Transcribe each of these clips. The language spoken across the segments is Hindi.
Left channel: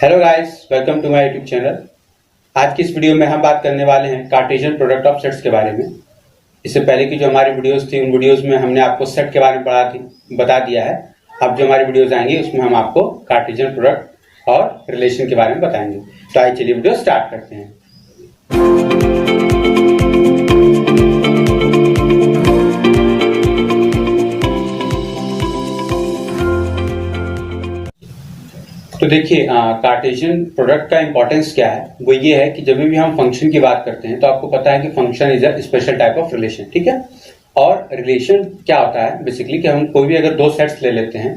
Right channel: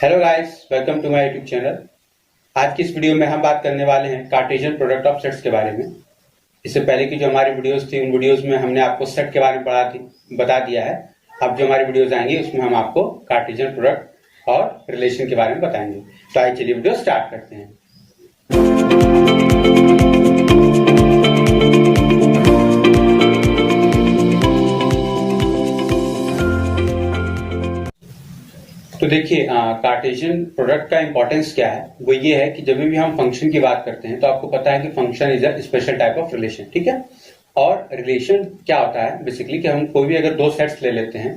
Hello guys, welcome to my YouTube channel. आज की इस वीडियो में हम बात करने वाले हैं कार्टेशियन प्रोडक्ट ऑफ सेट्स के बारे में। इससे पहले की जो हमारी वीडियोस थी उन वीडियोस में हमने आपको सेट के बारे में बता दिया है। अब जो हमारी वीडियोस आएंगी उसमें हम आपको कार्टेशियन प्रोडक्ट और रिलेशन के बारे में बताएंगे। तो आइए चलिए वीडियो स्टार्ट करते हैं। तो देखिए, कार्टेशियन प्रोडक्ट का इंपॉर्टेंस क्या है, वो ये है कि जब भी हम फंक्शन की बात करते हैं तो आपको पता है कि function is a special type of relation, ठीक है। और रिलेशन क्या होता है बेसिकली कि हम कोई भी अगर दो सेट्स ले लेते हैं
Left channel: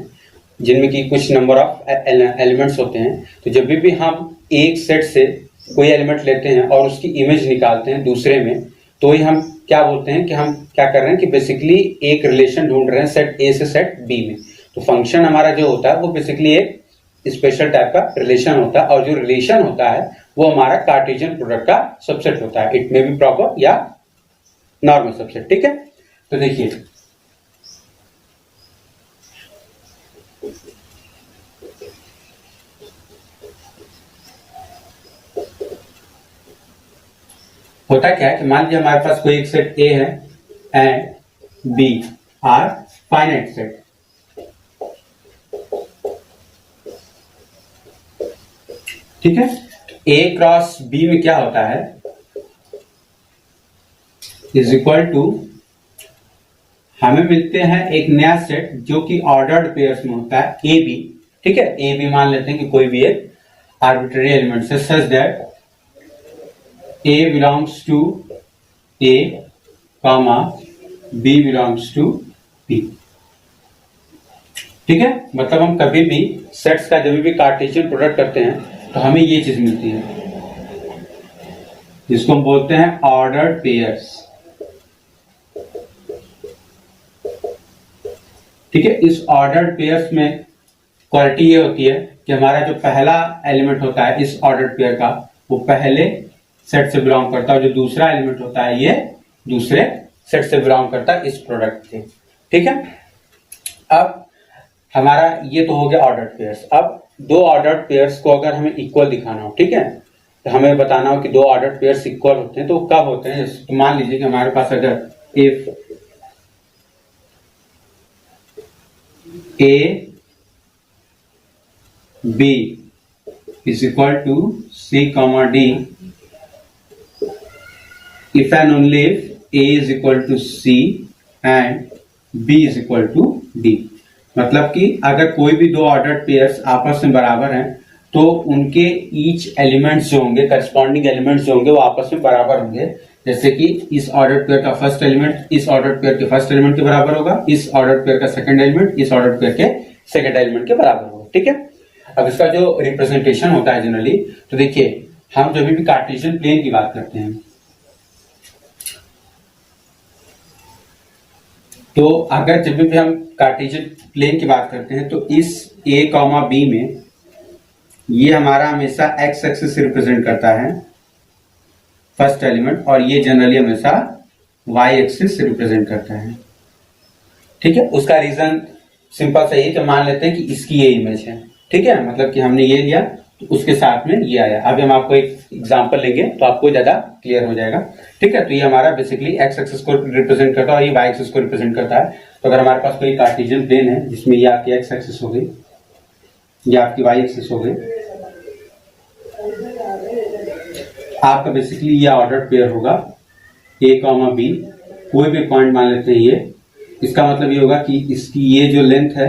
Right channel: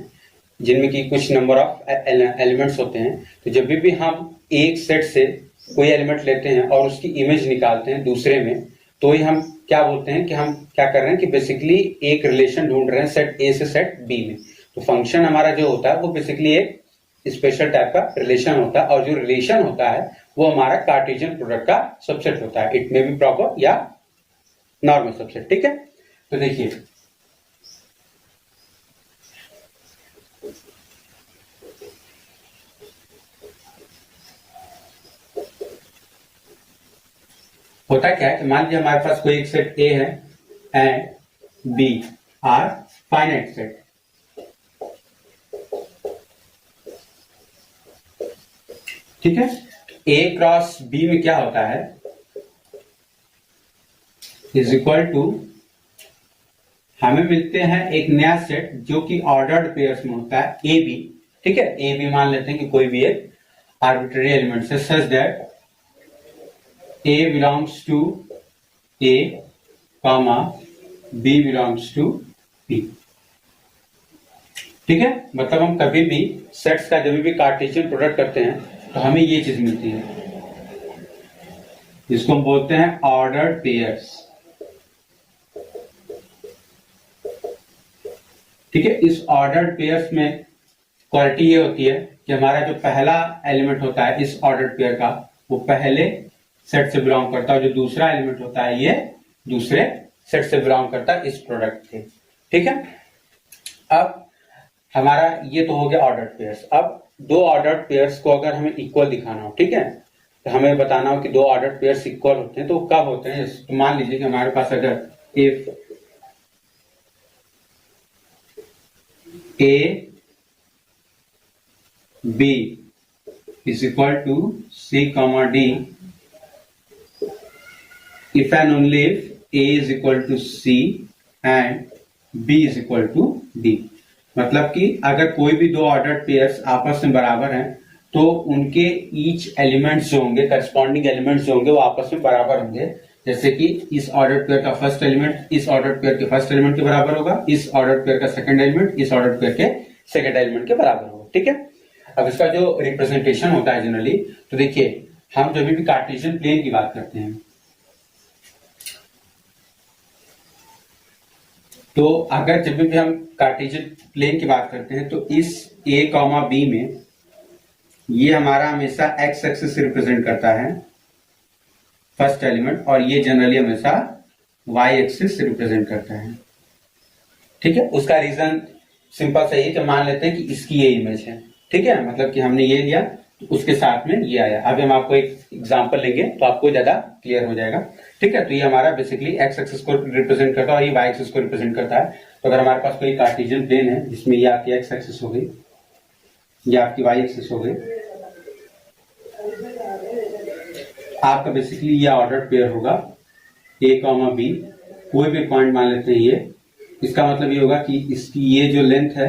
जिनमें कि कुछ नंबर ऑफ एलिमेंट्स होते हैं, तो जब भी हम एक सेट से कोई एलिमेंट लेते हैं और उसकी इमेज निकालते हैं दूसरे में, तो ही हम क्या बोलते हैं कि हम क्या कर रहे हैं कि बेसिकली एक रिलेशन ढूंढ रहे हैं सेट ए से सेट बी में। तो फंक्शन हमारा जो होता है वो बेसिकली एक स्पेशल टाइप का रिलेशन होता है, और जो रिलेशन होता है वो हमारा कार्टेशियन प्रोडक्ट का सबसेट होता है। इट मे बी प्रॉपर या नॉर्मल सबसेट, ठीक है। तो देखिए, होता क्या है कि मान लीजिए हमारे पास कोई एक सेट ए है and B are finite set, ठीक है। ए क्रॉस बी में क्या होता है, इज इक्वल टू, हमें मिलते हैं एक नया सेट जो कि ऑर्डर्ड पेयर्स में होता है ए बी, ठीक है। ए बी मान लेते हैं कि कोई भी एक आर्बिट्ररी एलिमेंट है such that A belongs to A comma B belongs to B, ठीक है। मतलब हम कभी भी सेट्स का जब भी कार्टेशियन प्रोडक्ट करते हैं तो हमें ये चीज मिलती है जिसको हम बोलते हैं ऑर्डर्ड पेयर्स, ठीक है। इस ऑर्डर्ड पेयर्स में क्वालिटी ये होती है कि हमारा जो पहला एलिमेंट होता है इस ऑर्डर्ड पेयर का, वो पहले सेट से बिलोंग करता है, जो दूसरा एलिमेंट होता है ये दूसरे सेट से बिलोंग करता है इस प्रोडक्ट के, ठीक है। अब हमारा ये तो हो गया ऑर्डर्ड पेयर्स। अब दो ऑर्डर्ड पेयर्स को अगर हमें इक्वल दिखाना हो, ठीक है, तो हमें बताना हो कि दो ऑर्डर्ड पेयर्स इक्वल होते हैं तो कब होते हैं। तो मान लीजिए कि हमारे पास अगर if A B is equal to C comma D, if and only if A is equal to C and B is equal to D. मतलब कि अगर कोई भी दो ऑर्डर्ड पेयर्स आपस में बराबर हैं तो उनके ईच एलिमेंट्स जो होंगे, करस्पॉन्डिंग एलिमेंट्स जो होंगे वो आपस में बराबर होंगे। जैसे कि इस ऑर्डर्ड पेयर का फर्स्ट एलिमेंट इस ऑर्डर्ड पेयर के फर्स्ट एलिमेंट के बराबर होगा, इस ऑर्डर्ड पेयर का सेकंड एलिमेंट इस ऑर्डर्ड पेयर के सेकंड एलिमेंट के बराबर होगा, ठीक है। अब इसका जो रिप्रेजेंटेशन होता है जनरली, तो देखिए हम जब भी कार्टेशियन प्लेन की बात करते हैं तो अगर जब भी हम कार्टेशियन प्लेन की बात करते हैं तो इस ए कॉमा बी में ये हमारा हमेशा एक्स एक्सिस रिप्रेजेंट करता है फर्स्ट एलिमेंट, और ये जनरली हमेशा वाई एक्सिस रिप्रेजेंट करता है, ठीक है। उसका रीजन सिंपल सा ही, तो मान लेते हैं कि इसकी ये इमेज है, ठीक है। मतलब कि हमने ये लिया तो उसके साथ में ये आया। अभी हम आपको एक एग्जांपल लेंगे तो आपको ज्यादा क्लियर हो जाएगा, ठीक है। तो ये हमारा बेसिकली एक्स एक्सिस को रिप्रेजेंट करता है और ये वाई एक्सिस को रिप्रेजेंट करता है। तो अगर हमारे पास कोई कार्टेशियन प्लेन है जिसमें ये आपकी एक्स एक्सिस हो गई, ये आपकी वाई एक्सिस हो गई, आपका बेसिकली ये ऑर्डर्ड पेयर होगा ए कॉमा बी। कोई भी पॉइंट मान लेते हैं ये, इसका मतलब ये होगा कि इसकी ये जो लेंथ है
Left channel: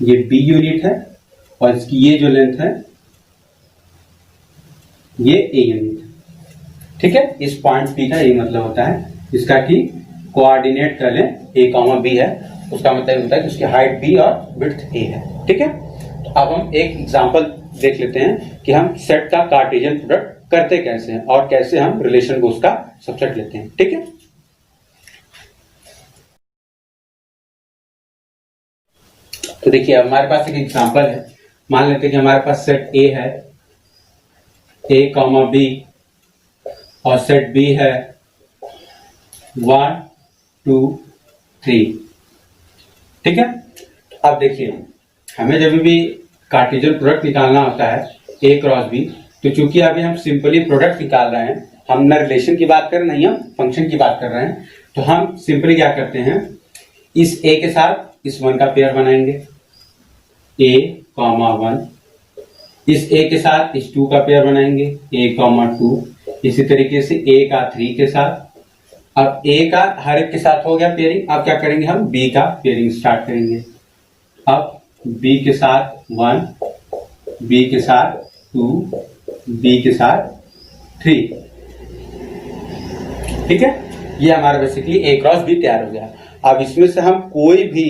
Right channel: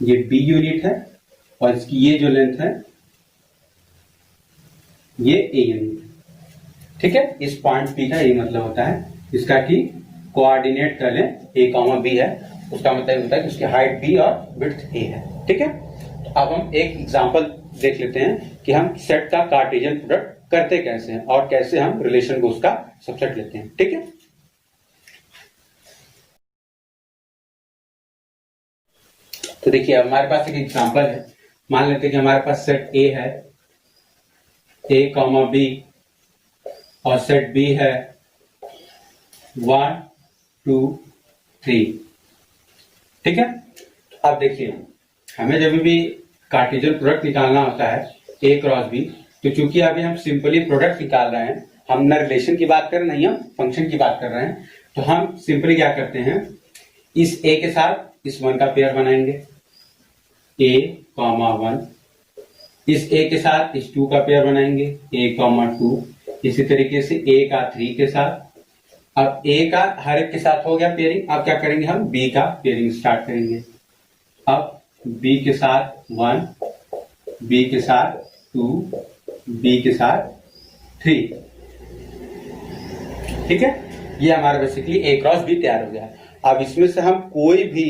ये बी यूनिट है और इसकी ये जो लेंथ है ये ए यूनिट है, ठीक है। इस पॉइंट पी का ये मतलब होता है इसका कि कोऑर्डिनेट कर लें ए कॉमा बी है, उसका मतलब होता है कि उसकी हाइट बी और विड्थ ए है, ठीक है। तो अब हम एक एग्जांपल देख लेते हैं कि हम सेट का कार्टेशियन प्रोडक्ट करते कैसे हैं और कैसे हम रिलेशन को उसका सबसेट लेते हैं, ठीक है। तो देखिए हमारे पास एक एग्जांपल है। मान लेते हैं कि हमारे पास सेट ए है ए कॉमा बी और सेट बी है 1 2 3, ठीक है। अब देखिए हमें जब भी कार्टेशियन प्रोडक्ट निकालना होता है ए क्रॉस बी, तो चूंकि अभी हम सिंपली प्रोडक्ट निकाल रहे हैं, हम न रिलेशन की बात कर रहे हैं नहीं हम फंक्शन की बात कर रहे हैं, तो हम सिंपली क्या करते हैं, इस ए के साथ इस वन का पेयर बनाएंगे, ए कॉमा वन, इस ए के साथ इस टू का पेयर बनाएंगे, ए कॉमा टू, इसी तरीके से ए का थ्री के साथ। अब ए का हर एक के साथ हो गया पेयरिंग, अब क्या करेंगे हम बी का पेयरिंग स्टार्ट करेंगे। अब बी के साथ वन, बी के साथ टू, बी के साथ थ्री, ठीक है, ये हमारा बेसिकली ए क्रॉस बी तैयार हो गया। अब इसमें से हम कोई भी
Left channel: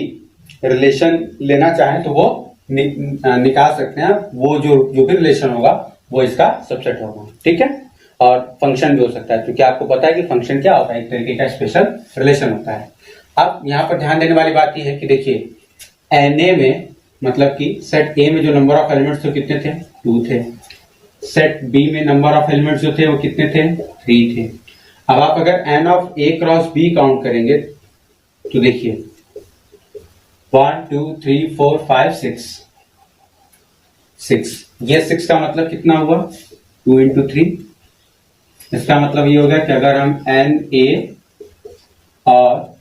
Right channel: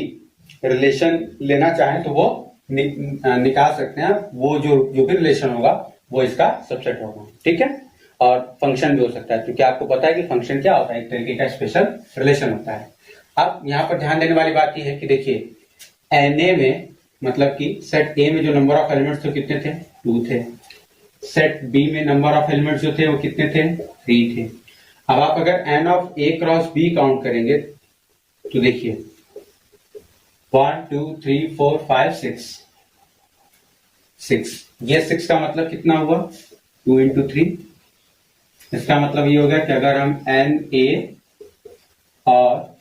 रिलेशन लेना चाहें तो वो निकाल सकते हैं, वो जो भी रिलेशन होगा वो इसका सबसेट होगा, ठीक है। और फंक्शन भी हो सकता है, क्योंकि आपको पता है कि फंक्शन क्या होता है, एक तरीके का स्पेशल रिलेशन होता है। अब यहां पर ध्यान देने वाली बात यह है कि देखिए एनए में, मतलब कि सेट ए में जो नंबर ऑफ एलिमेंट्स थे कितने थे, 2 थे। सेट बी में नंबर ऑफ एलिमेंट्स जो थे वो कितने थे, 3 थे। अब आप अगर N of A cross B count करेंगे तो देखिए 1 2 3 4 5 6, ये 6 का मतलब कितना हुआ, 2 इंटू 3। इसका मतलब ये होगा कि अगर हम एन ए और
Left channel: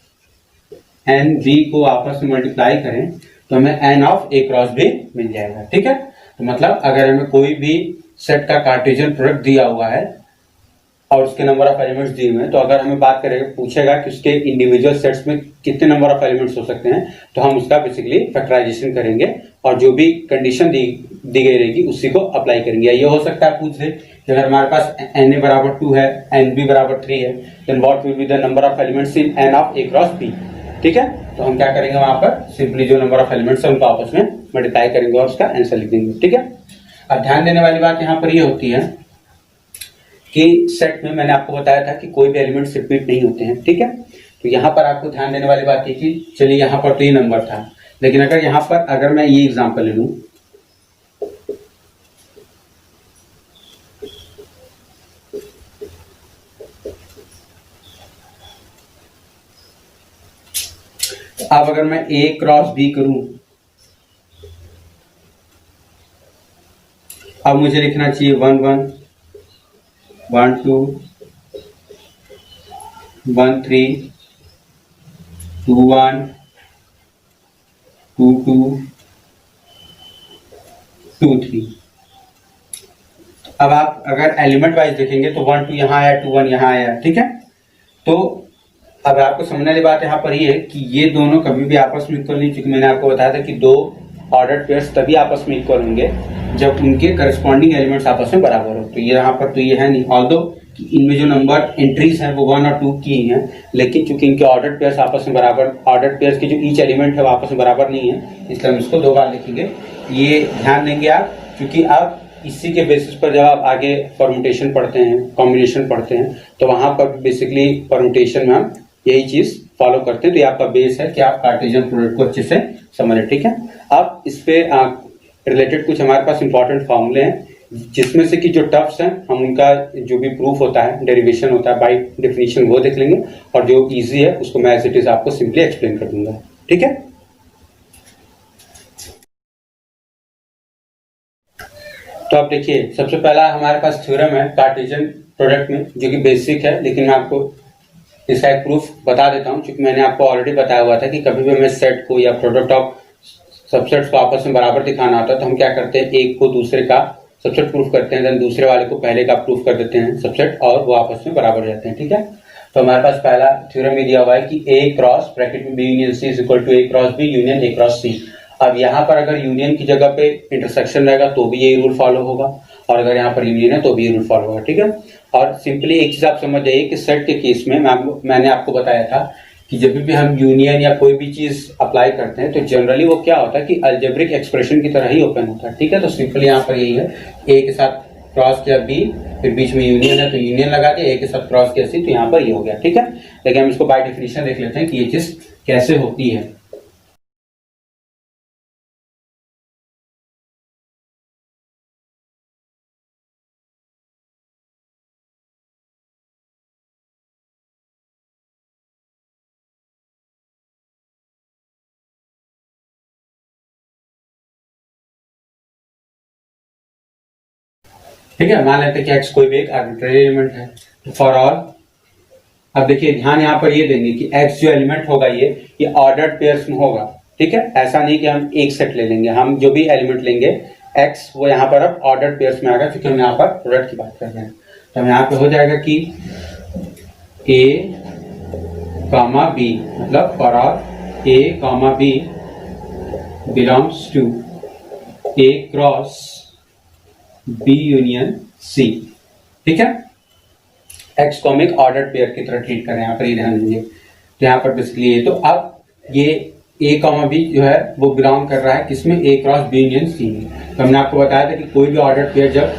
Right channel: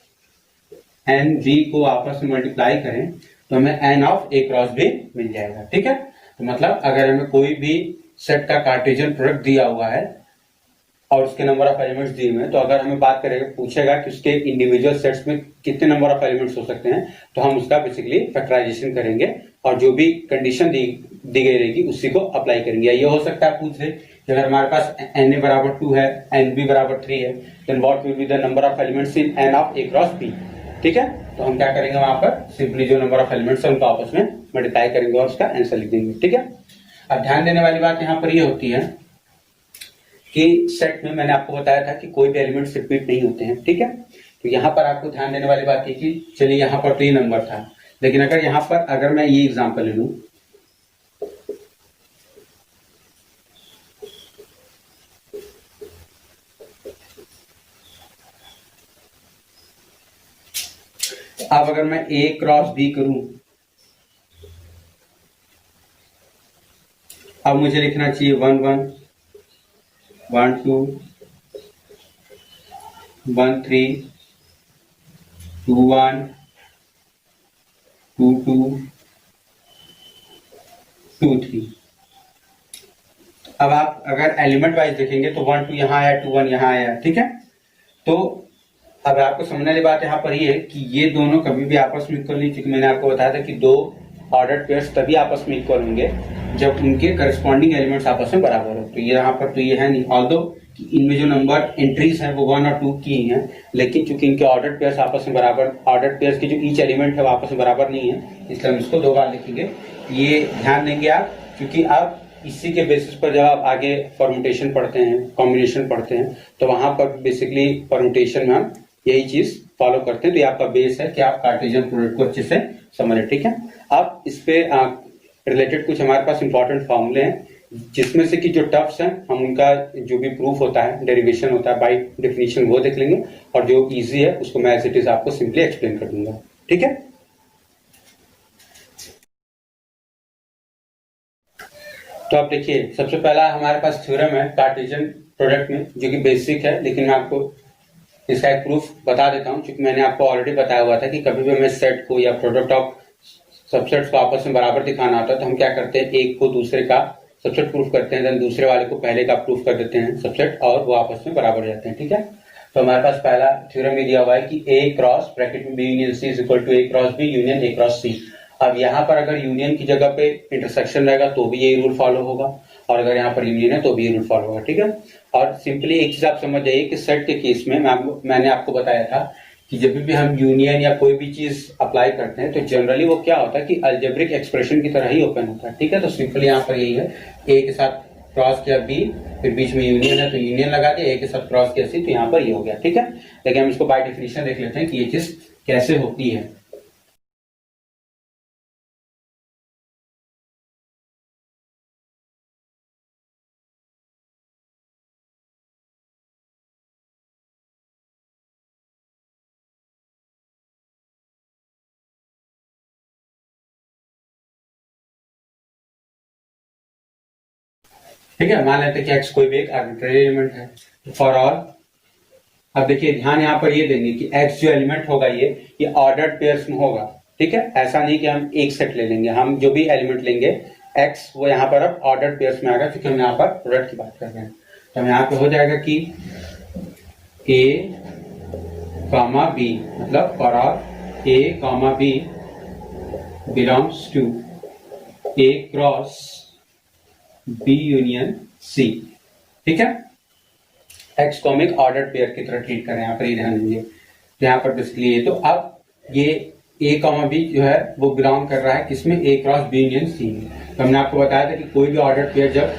एन बी को आपस में मल्टीप्लाई करें तो हमें N of A cross B मिल जाएगा, ठीक है। तो मतलब अगर हमें कोई भी सेट का कार्टेशियन प्रोडक्ट दिया हुआ है और उसके नंबर ऑफ एलिमेंट्स दिए हुए हैं, तो अगर हमें बात करेंगे, पूछेगा कि उसके इंडिविजुअल सेट्स में कितने नंबर ऑफ एलिमेंट्स हो सकते हैं, तो हम उसका बेसिकली फैक्टराइजेशन करेंगे और जो भी कंडीशन दी गई रहेगी उसी को अप्लाई करेंगे। ये हो सकता है पूछ दे कि अगर हमारे पास एन ए बराबर 2 है, एन बी बराबर 3 है, then what will be the number of elements in N of A cross B, ठीक है। तो हम क्या करेंगे, वहां पर सिंपली जो नंबर ऑफ एलिमेंट्स है उनको आपस में मल्टीप्लाई करेंगे और उसका आंसर लिख देंगे, ठीक है। अब ध्यान देने वाली बात यहाँ पर ये होती है कि सेट में मैंने आपको बताया था कि कोई भी एलिमेंट्स रिपीट नहीं होते हैं, ठीक है। तो यहाँ पर आपको ध्यान देने वाली बात ये कि चलिए यहाँ पर तो ये नंबर था, लेकिन अगर यहाँ पर अगर मैं ये एग्जांपल ले लूं, अब अगर मैं ए क्रॉस बी करूं, अब मुझे लिखना चाहिए 1 1 1 2 1 3 2 1 2 2 2 3। अब आप अगर एलिमेंट वाइज देखेंगे तो 1 2 यहाँ आया, 2 1 यहाँ आया, ठीक है। तो अब आपको समझने वाली बात यहाँ पर ये है कि ये दोनों कभी भी आपस में इक्वल नहीं, क्योंकि मैंने आपको बताया था कि दो ऑर्डर्ड पेयर्स तभी आपस में इक्वल होंगे जब उनके करस्पॉन्डिंग एलिमेंट्स आपस में बराबर हो। तो ये यहाँ पर तो ये है नहीं, ऑल्दो कि इनमें जो नंबर एंट्रीज हैं वो 1 और 2 की ही हैं, लेकिन चूंकि इनके ऑर्डर्ड पेयर्स आपस में बराबर, ऑर्डर्ड पेयर्स के जो ईच एलिमेंट है वो आपस में बराबर नहीं है, इसलिए हम इसको 2 बार लिखेंगे। ये ध्यान देंगे आप, क्योंकि आप इसी के बेसिस पर जब आप आगे परम्यूटेशन पढ़ते हैं, कॉम्बिनेशन पढ़ते हैं, तो वहां पर बेसिकली परम्यूटेशन में हम यही चीज फॉलो करते हैं। तो ये आपका बेस है कि आप कार्टेशियन प्रोडक्ट को अच्छे से समझें, ठीक है। अब इस पे रिलेटेड कुछ हमारे पास इंपॉर्टेंट फॉर्मूले हैं, जिसमें से कि जो टफ्स हैं हम उनका जो भी प्रूफ होता है, डेरिवेशन होता है बाय डेफिनेशन, वो देख लेंगे, और जो इजी है उसको मैं एज इट इज आपको सिंपली एक्सप्लेन कर दूंगा, ठीक है। तो आप देखिए, सबसे पहला हमारे पास थ्योरम है कार्टेशियन प्रोडक्ट में, जो कि बेसिक है, लेकिन मैं आपको इसका एक प्रूफ बता देता हूं, क्योंकि मैंने आपको ऑलरेडी बताया हुआ था कि कभी भी हमें सेट को या प्रोडक्ट ऑफ सबसेट्स को आपस में बराबर दिखाना होता है तो हम क्या करते हैं, एक को दूसरे का सबसेट प्रूफ करते हैं, देन दूसरे वाले को पहले का प्रूफ कर देते हैं सबसेट, और वो आपस में बराबर रहते हैं, ठीक है। तो हमारे पास पहला थ्योरम ये दिया हुआ है कि ए क्रॉस ब्रैकेट में B union C is equal to A cross B union A cross C. अब यहाँ पर अगर यूनियन की जगह पे इंटरसेक्शन रहेगा तो भी यही रूल फॉलो होगा, और अगर यहाँ पर यूनियन है तो भी ये रूल फॉलो होगा, ठीक है। और सिंपली एक चीज आप समझ जाइए कि सेट के केस में मैंने आपको बताया था कि जब भी हम यूनियन या कोई भी चीज अप्लाई करते हैं तो जनरली वो क्या होता है कि अलजेब्रिक एक्सप्रेशन की तरह ही ओपन होता है, ठीक है। तो सिंपली यहाँ पर यही है, ए के साथ क्रॉस किया बी, फिर बीच में यूनियन है तो यूनियन लगा दिया, ए के साथ क्रॉस किया सी, तो यहाँ पर ये हो गया, ठीक है। लेकिन हम इसको बाय डेफिनेशन देख लेते हैं कि ये चीज कैसे होती है। ठीक है, मान लेते हैं कि x कोई भी एक आर्बिट्रेरी एलिमेंट है। तो फॉर ऑल, अब देखिए ध्यान यहाँ पर ये देंगे कि x जो एलिमेंट होगा ये ऑर्डर्ड पेयर्स में होगा। ठीक है, ऐसा नहीं कि हम एक सेट ले लेंगे, हम जो भी एलिमेंट लेंगे x वो यहाँ पर अब ऑर्डर्ड पेयर्स में आएगा, क्योंकि हम यहाँ पर प्रोडक्ट की बात कर रहे हैं। तो हम यहाँ पे हो जाएगा कि a, b, मतलब for all a, b belongs to a cross b union c। ठीक है, x को हम एक ऑर्डर्ड पेयर की तरह ट्रीट कर रहे हैं, यहाँ पर ये ध्यान देंगे। तो यहाँ पर बेसिकली ये, तो अब ये a, b जो है वो बिलोंग कर रहा है किसमें, a cross b union c में। तो हमने आपको बताया था कि कोई भी ऑर्डर्ड पेयर जब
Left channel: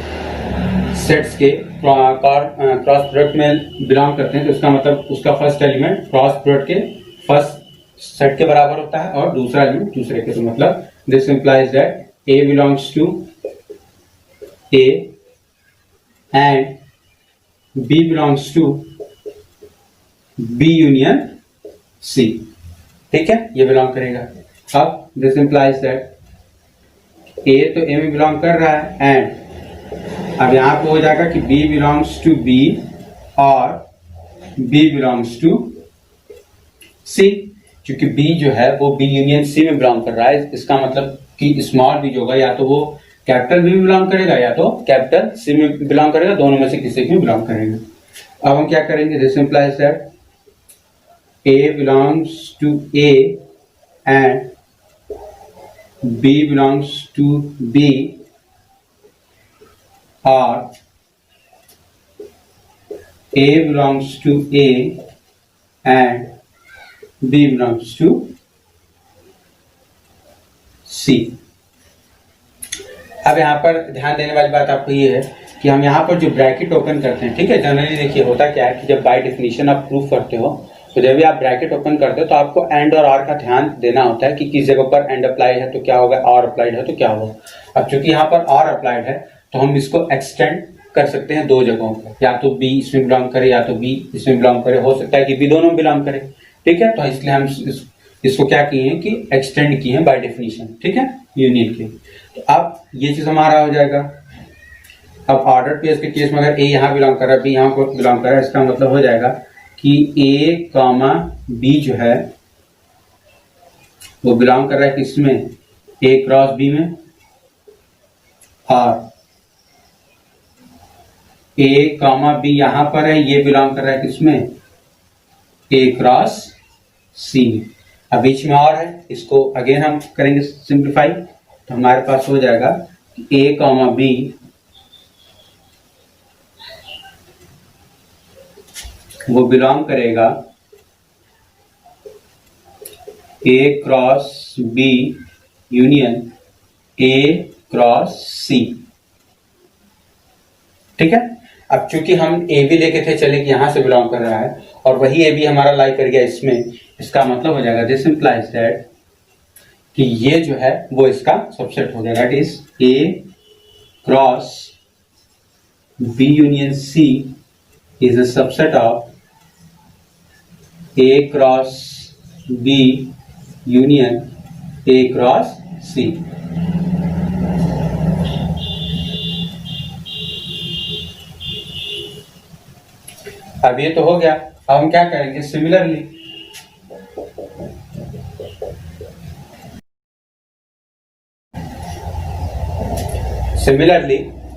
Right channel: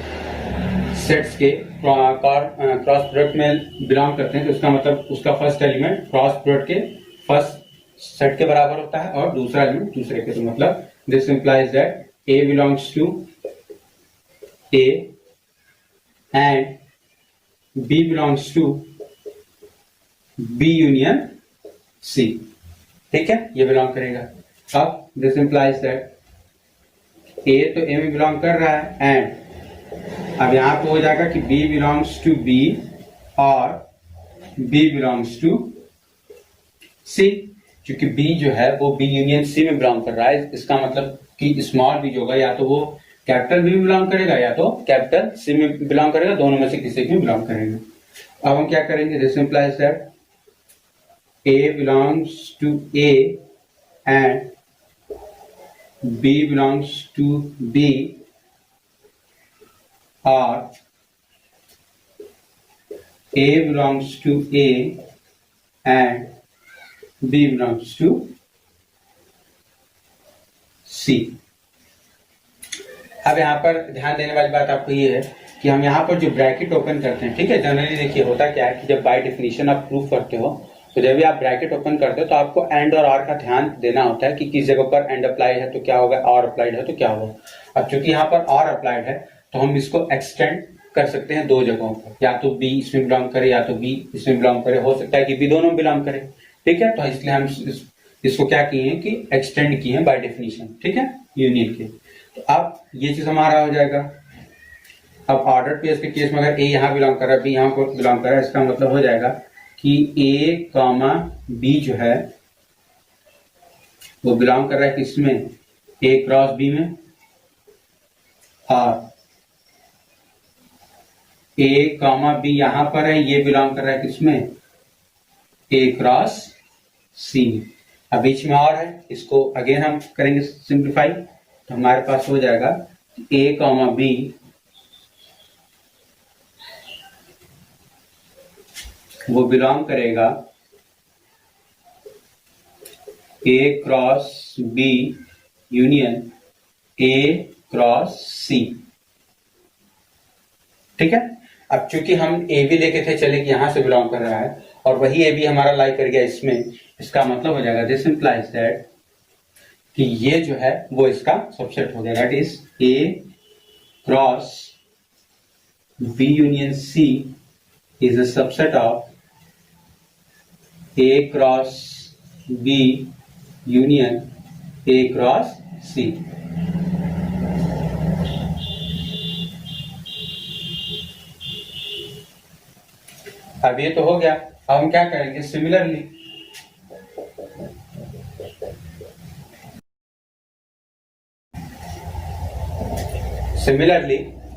सेट्स के क्रॉस प्रोडक्ट में बिलोंग करते हैं तो उसका मतलब उसका फर्स्ट एलिमेंट क्रॉस प्रोडक्ट के फर्स्ट सेट के बराबर होता है और दूसरा एलिमेंट दूसरे के। तो मतलब this implies that a belongs to a and b belongs to b union c। ठीक है, ये बिलोंग करेगा। अब दिस इंप्लाइज दैट a तो a में बिलोंग कर रहा है एंड अब यहां पे हो जाएगा कि b बिलोंग्स टू b और b बिलोंग्स टू c। क्योंकि b जो है वो b यूनियन c में बिलोंग कर रहा है, इसका मतलब कि स्मॉल b जो होगा या तो वो कैपिटल b में बिलोंग करेगा या तो कैपिटल c में बिलोंग करेगा, दोनों में से किसी में बिलोंग करेगा। अब हम क्या करेंगे, this implies that a belongs to a and b belongs to b or a belongs to a and b belongs to c। अब यहाँ पर ध्यान देने वाली बात आपको ये है कि हम यहाँ पर जो ब्रैकेट ओपन करते हैं, ठीक है, जनरली देखिए होता क्या है कि जब बाय डेफिनेशन आप प्रूफ करते हो तो जब भी आप ब्रैकेट ओपन करते हो तो आपको एंड और आर का ध्यान देना होता है कि किस जगह पर एंड अप्लाई है तो क्या होगा, और अप्लाइड है तो क्या होगा। अब चूंकि यहाँ पर और अप्लाइड है तो हम इसको एक्सटेंड कर सकते हैं दो जगहों पर, या तो b इसमें बिलोंग करे या तो b इसमें बिलोंग करे, हो सकता है कि b दोनों में बिलोंग करे। ठीक है, तो इसलिए हम इसको क्या किए हैं कि एक्सटेंड किए हैं बाय डेफिनेशन। ठीक है, यूनियन के। तो अब ये चीज हमारा हो जाएगा। अब ऑर्डर पेयर्स के केस में अगर a यहाँ बिलोंग कर रहा है, b यहाँ को बिलोंग कर रहा है, इसका मतलब हो जाएगा कि a, b जो है वो बिलोंग कर रहा है किसमें, a क्रॉस b में, और a, b यहां पर है, ये बिलोंग कर रहा है किसमें, a क्रॉस c में। अब बीच में और है, इसको अगेन हम करेंगे सिंप्लीफाई, तो हमारे पास हो जाएगा a, b वो बिलोंग करेगा a cross b union a cross c। ठीक है, अब चूंकि हम ए बी लेके थे, चले कि यहां से बिलोंग कर रहा है और वही ए बी हमारा लाई कर गया इसमें, इसका मतलब हो जाएगा दिस इंप्लाइज दैट कि ये जो है वो इसका सबसेट हो जाएगा। It is A cross B union C is a subset of A cross B union A cross C. अब ये तो हो गया। अब हम क्या करेंगे, सिमिलरली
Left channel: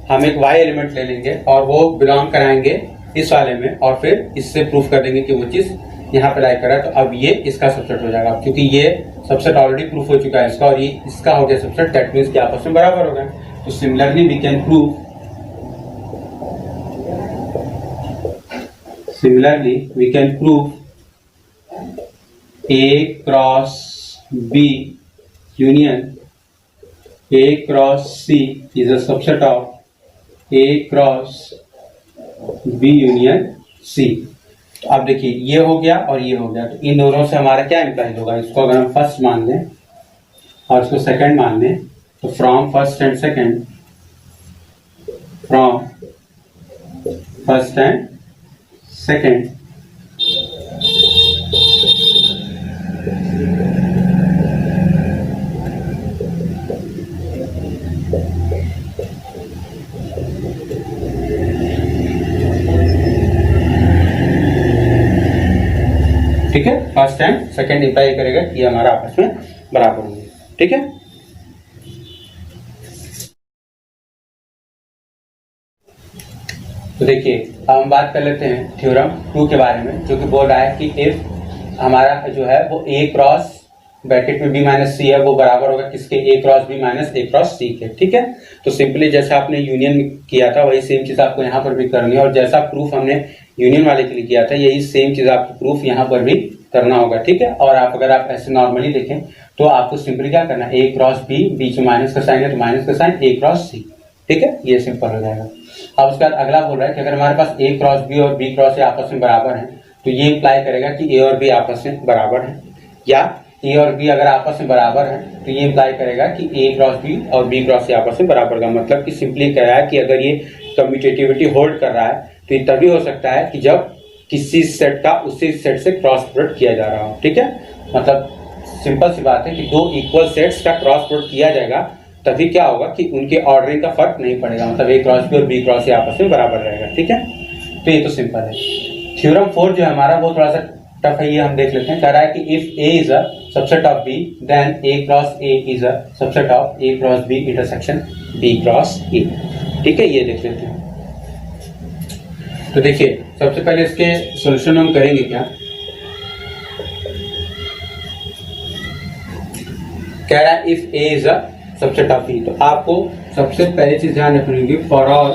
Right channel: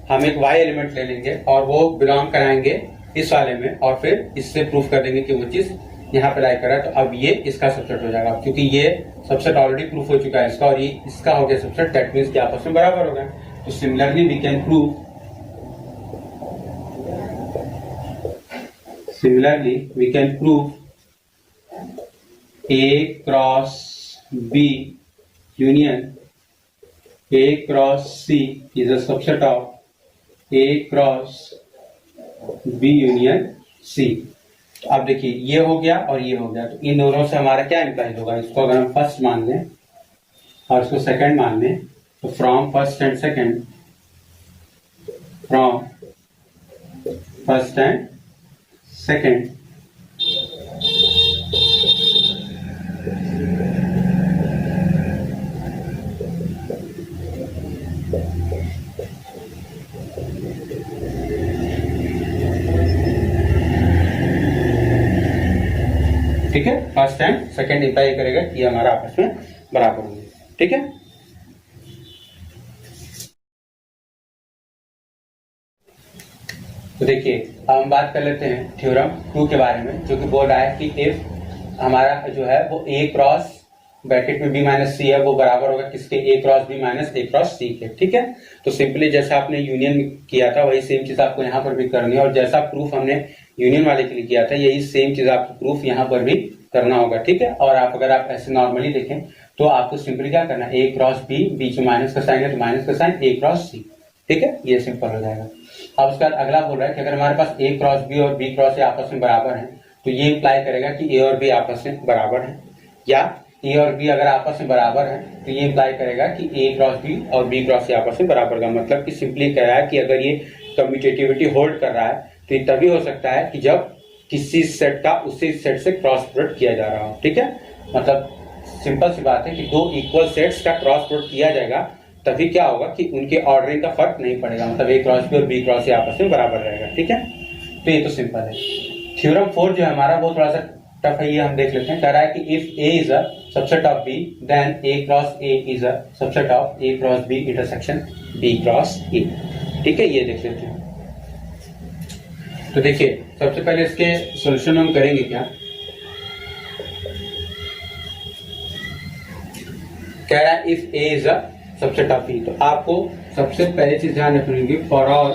हम एक y एलिमेंट ले लेंगे और वो बिलोंग कराएंगे इस वाले में, और फिर इससे प्रूफ कर देंगे कि वो चीज यहाँ पे लाई कर रहा है। तो अब ये इसका सबसेट हो जाएगा, क्योंकि ये सबसेट ऑलरेडी प्रूफ हो चुका है इसका, और ये इसका हो गया सबसेट, दैट मींस कि आपस में बराबर हो गए। तो similarly we can prove A cross B union A cross C is a subset of A cross B union C। तो अब देखिए ये हो गया और ये हो गया, तो इन दोनों से हमारा क्या इंप्लाइज होगा, इसको अगर हम फर्स्ट मान लें और इसको सेकंड मान लें, तो from first and second, second imply करेगा कि ये हमारा आपस में बराबर होंगे। ठीक है, तो देखिए अब हम बात कर लेते हैं थ्योरम 2 के बारे में, जो कि बोल रहा है कि इफ हमारा जो है वो ए क्रॉस ब्रैकेट में बी माइनस सी है वो बराबर होगा किसके, ए क्रॉस बी माइनस ए क्रॉस सी के। ठीक है, तो सिंपली जैसा आपने यूनियन किया था वही सेम चीज आपको यहाँ पर भी करनी है, और जैसा प्रूफ हमने यूनियन वाले के लिए किया था यही सेम चीज आपको प्रूफ यहाँ पर भी करना होगा। ठीक है, और आप अगर आप ऐसे नॉर्मली देखें तो आपको सिंपली क्या करना है, ए क्रॉस बी, बीच में माइनस का साइन है तो माइनस का साइन ए क्रॉस सी। ठीक है, ये सिंपल हो जाएगा। अब उसके बाद अगला बोल रहा है कि अगर हमारे पास ए क्रॉस बी और बी क्रॉस ए आपस में बराबर है तो ये इंप्लाई करेगा कि ए और बी आपस में बराबर है, या ए और बी अगर आपस में बराबर है तो ये इंप्लाई करेगा कि ए क्रॉस बी और बी क्रॉस ए आपस में बराबर का मतलब कि सिंपली कह रहा है कि अगर ये कम्यूटेटिविटी होल्ड कर रहा है तो ये तभी हो सकता है कि जब किसी सेट का उसी सेट से क्रॉस प्रोडक्ट किया जा रहा हो। ठीक है, मतलब सिंपल सी बात है कि दो इक्वल सेट्स का क्रॉस प्रोडक्ट किया जाएगा तभी क्या होगा कि उनके ऑर्डरिंग का फर्क नहीं पड़ेगा, मतलब ए क्रॉस बी और बी क्रॉस ए आपस में बराबर रहेगा। ठीक है, तो ये तो सिंपल है। थ्योरम 4 जो है हमारा वो थोड़ा सा टफ है, ये हम देख लेते हैं। कह रहा है कि if A is a subset of B then A cross A is a subset of A cross B intersection B cross A. ठीक है, ये देख लेते हैं। तो देखिए सबसे पहले इसके सोल्यूशन हम करेंगे क्या, कह रहा है if A is a subset of B, तो आपको सबसे पहले चीज ध्यान रखनी होगी, for all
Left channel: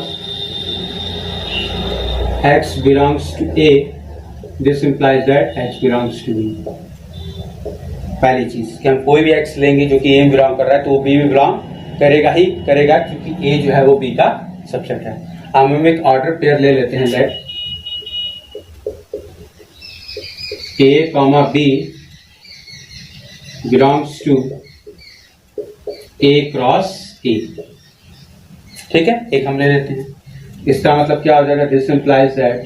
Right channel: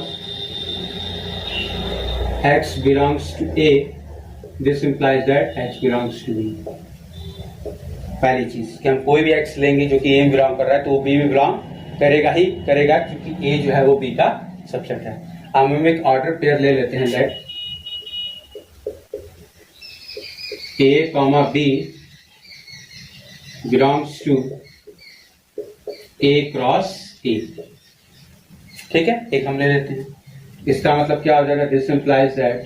x belongs to A, this implies that x belongs to B। पहली चीज कि हम कोई भी x लेंगे जो कि A में बिलोंग कर रहा है तो वो B में बिलोंग करेगा ही करेगा, क्योंकि A जो है वो B का सबसेट है। अब हम एक ऑर्डर पेयर ले लेते हैं, let A, B belongs to A cross A। ठीक है, एक हम ले लेते हैं, इसका मतलब क्या हो जाएगा, this implies that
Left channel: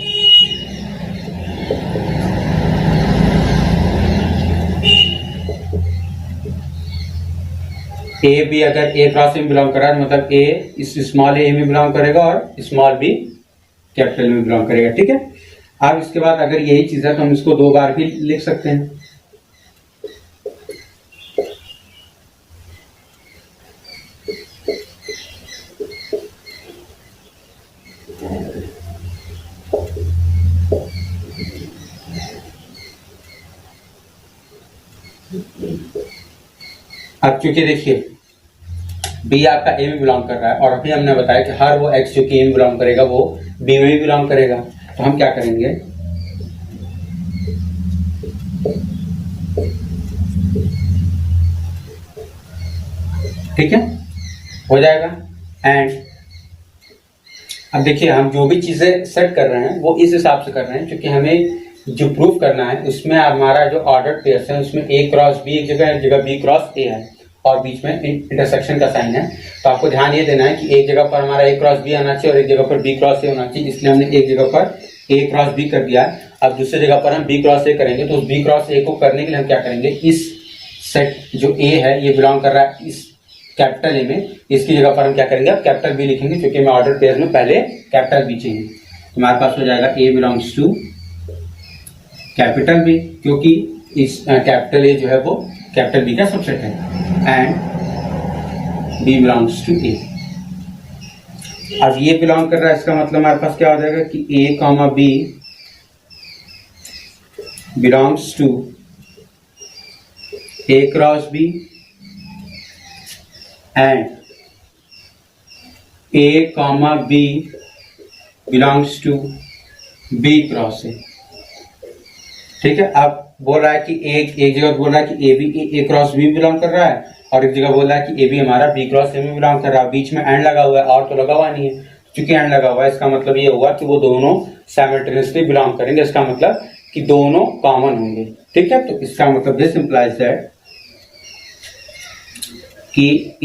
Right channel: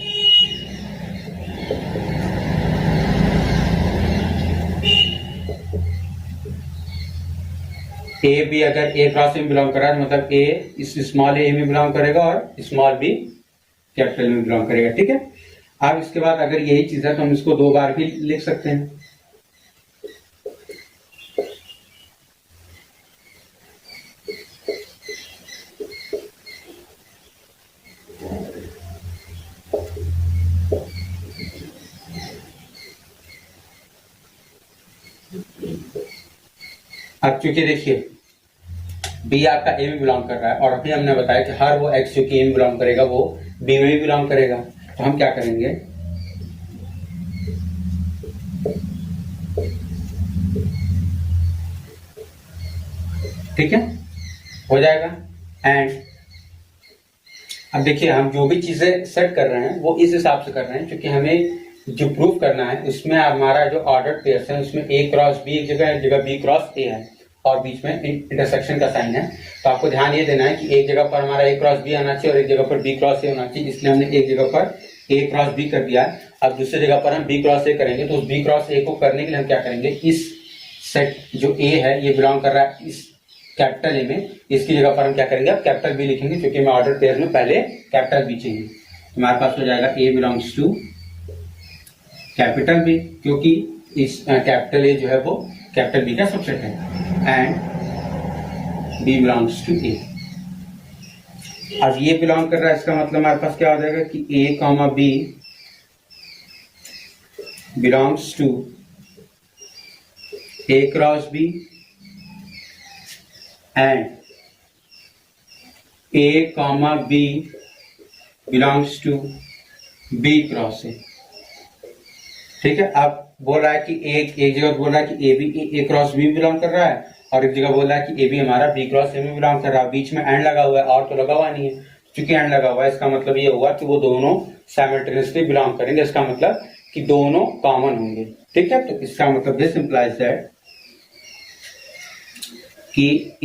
A B अगर ए क्रॉस में बिलोंग कर रहा है मतलब ए इस स्मॉल ए में बिलोंग करेगा और स्मॉल बी कैपिटल में बिलोंग करेगा। ठीक है, अब इसके बाद अगर यही चीज है तो हम इसको 2 बार भी लिख सकते हैं। अब चूंकि देखिए बी आपका ए में बिलोंग कर रहा है और अभी हमने बताया कि हर वो एक्स जो कि ए में बिलोंग करेगा वो बी में भी बिलोंग करेगा, तो हम क्या करेंगे, ठीक है हो जाएगा। एंड अब देखिए हम जो भी चीजें सेट कर रहे हैं वो इस हिसाब से कर रहे हैं क्योंकि हमें जो प्रूफ करना है उसमें हमारा जो ऑर्डर पेयर्स है उसमें ए क्रॉस बी एक जगह बी क्रॉस ए है और बीच में इंटरसेक्शन का साइन है। तो आपको ध्यान ये देना है कि एक जगह पर हमारा ए क्रॉस बी आना चाहिए और एक जगह पर बी क्रॉस ए होना चाहिए, इसलिए हमने एक जगह पर ए क्रॉस बी कर दिया। अब दूसरी जगह पर हम बी क्रॉस ए करेंगे, तो उस बी क्रॉस ए को करने के लिए हम क्या करेंगे, इस सेट जो ए है ये बिलोंग कर रहा है इस कैपिटल ए में, इसकी जगह पर हम क्या करेंगे, अब कैपिटल बी लिखेंगे क्योंकि हमें ऑर्डर पेयर में पहले कैपिटल बी चाहिए। तो हमारे पास हो जाएगा ए बिलोंग्स टू कैपिटल बी, क्योंकि इस कैपिटल ए जो है वो कैपिटल बी का सबसेट है, एंड बी बिलोंग्स टू ए। अब ये बिलोंग कर रहा है, इसका मतलब हमारे पास क्या हो जाएगा कि A comma B belongs to A cross B and A comma B belongs to B cross A. ठीक है, अब बोल रहा है कि एक जगह बोल रहा है कि A B A cross B belong कर रहा है और एक जगह बोल रहा है कि ए बी हमारा बी क्रॉस ए में बिलोंग कर रहा है। बीच में एंड लगा हुआ है और तो लगा हुआ नहीं है, क्योंकि एंड लगा हुआ है इसका मतलब ये हुआ कि वो दोनों साइमल्टेनियसली बिलोंग करेंगे, इसका मतलब कि दोनों कॉमन होंगे। ठीक है, तो इसका मतलब दिस इंप्लाइज दैट कि